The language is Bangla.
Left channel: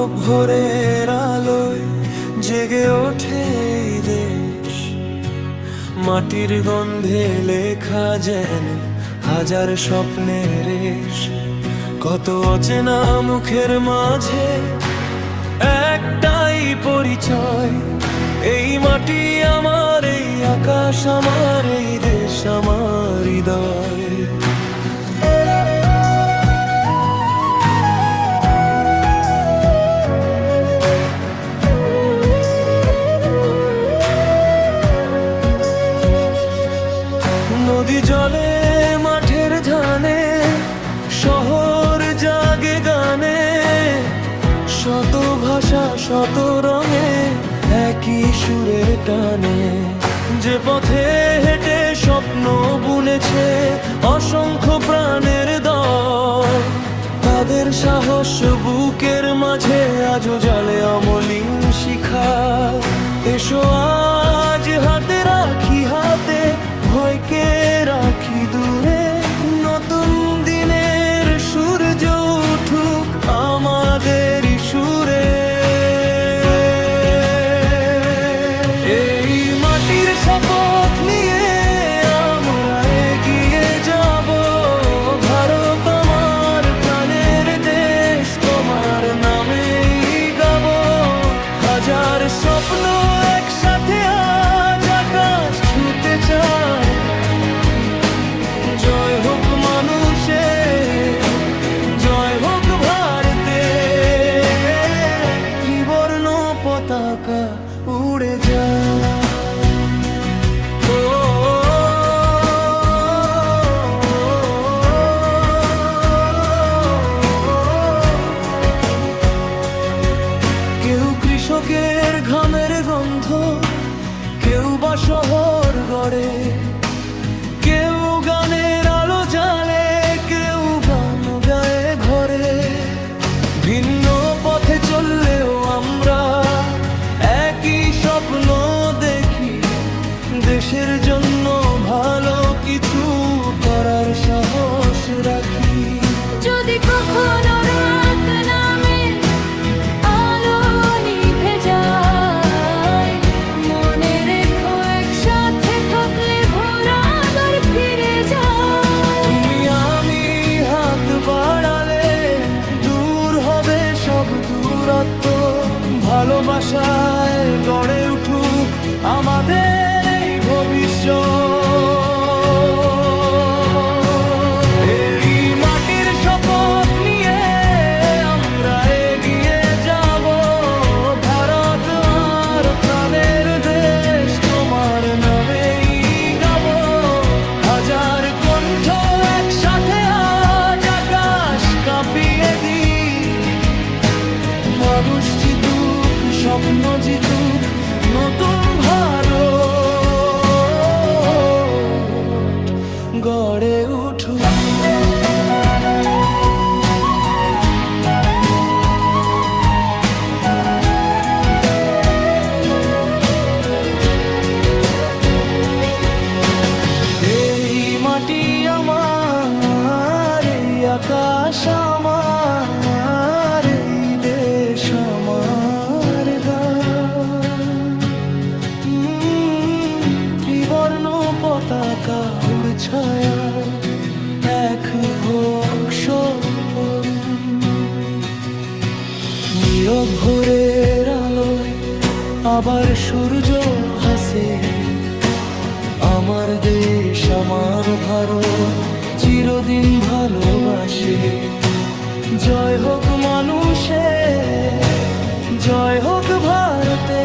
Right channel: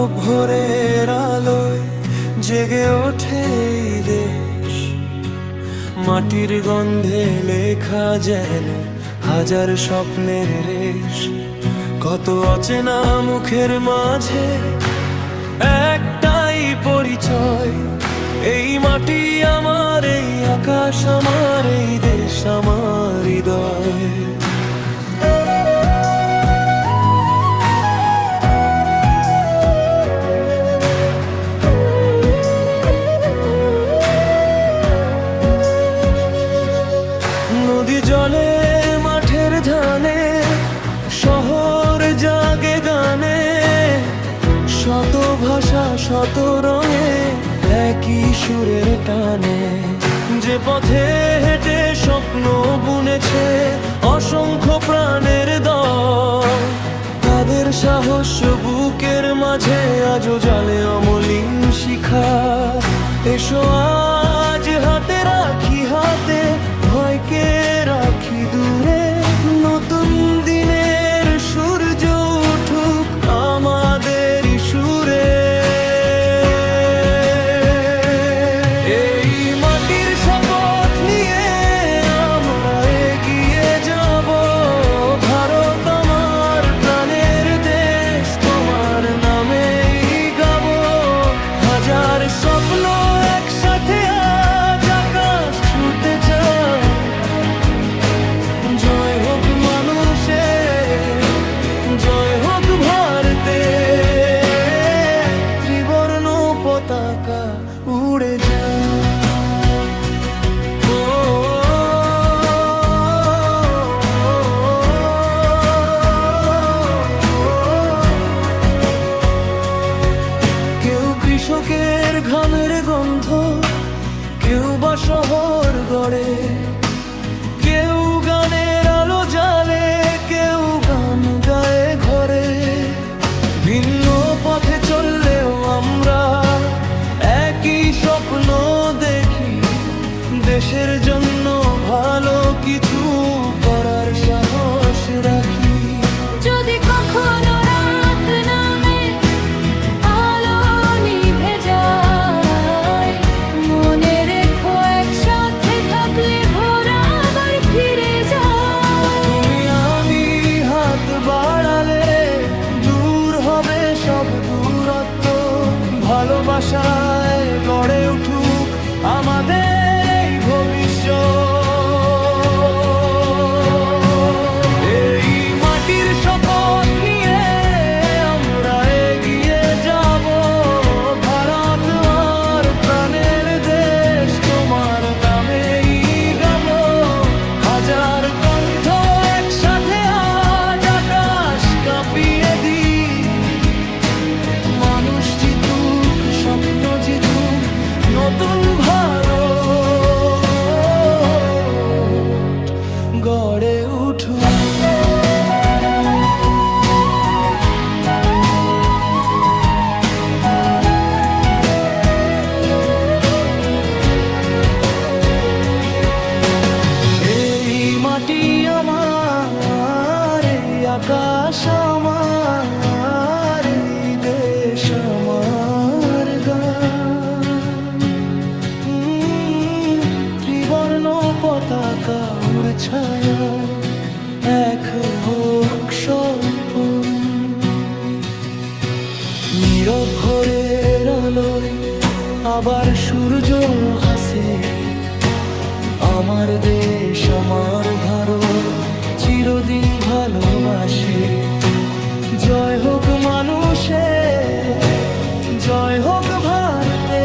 নীরব ভোরের আলোয় জেগে ওঠে এই দেশ, মাটির গন্ধে লেখা যেন হাজার স্বপ্নের রেশ। কত অচেনা মুখের মাঝে একটাই পরিচয়, এই মাটি আমার, এই আকাশ আমার, এই দেশ আমার হৃদয়। নদী জলে মাঠের ধানে, শহর জাগে গানে, শত ভাষা শত রঙে একই সুরের টানে। যে পথে হেঁটে স্বপ্ন বুনেছে অসংখ্য প্রাণের দল, তাদের সাহস বুকের মাঝে আজও জ্বালে অমলিন শিখা। এসো আজ হাতে রাখি হাতে, ভয়কে রাখি দূরে, নতুন দিনের সূর্য উঠুক আমাদের সুরে। এই মাটির শপথ নিয়ে আমরা এগিয়ে যাব, ভারত আমার প্রাণের দেশ, তোমার নামেই গাবো। হাজার স্বপ্ন একসাথে আজ আকাশ ছুঁতে চায়, জয় হোক মানুষের, জয় হোক ভারতে, ত্রিবর্ণ পতাকা উড়ে যায়। কেউ কৃষকের ঘামের গন্ধ, কেউ বা শহর গড়ে, কেউ গানের আলো জ্বালে, কেউ গান গায়ে ঘরে। ভিন্ন পথে চললেও আমরা একই স্বপ্ন দেখি, দেশের জন্য ভালো কিছু করার সাহস রাখি। যদি কখনো রাত নামে আলো নিভে যায়, মনে রেখো একসাথে থাকলে ভোর আবার ফিরে যায়। তুমি আমি হাত বাড়ালে দূর হবে সব দূরত্ব, ভালোবাসায় গড়ে উঠুক আমাদের এই ভবিষ্যৎ। এই মাটির শপথ নিয়ে আমরা এগিয়ে যাব, ভারত আমার প্রাণের দেশ, তোমার নামেই গাবো। হাজার কণ্ঠ একসাথে আজ আকাশ কাঁপিয়ে দিই, মানুষ জিতুক, স্বপ্ন জিতুক, নতুন ভারত গড়ে উঠুক। এই মাটি আমার, এই আকাশ আমার, এই দেশ আমার গান। ত্রিবর্ণ পতাকা উড় ছায়ায় এক হোক স্বপন, নীরব ভোরের আলোয় আবার সূর্য হাসে। আমার দেশ আমার ভারত চিরদিন ভালোবাসে। জয় হোক মানুষের, জয় হোক ভারতে।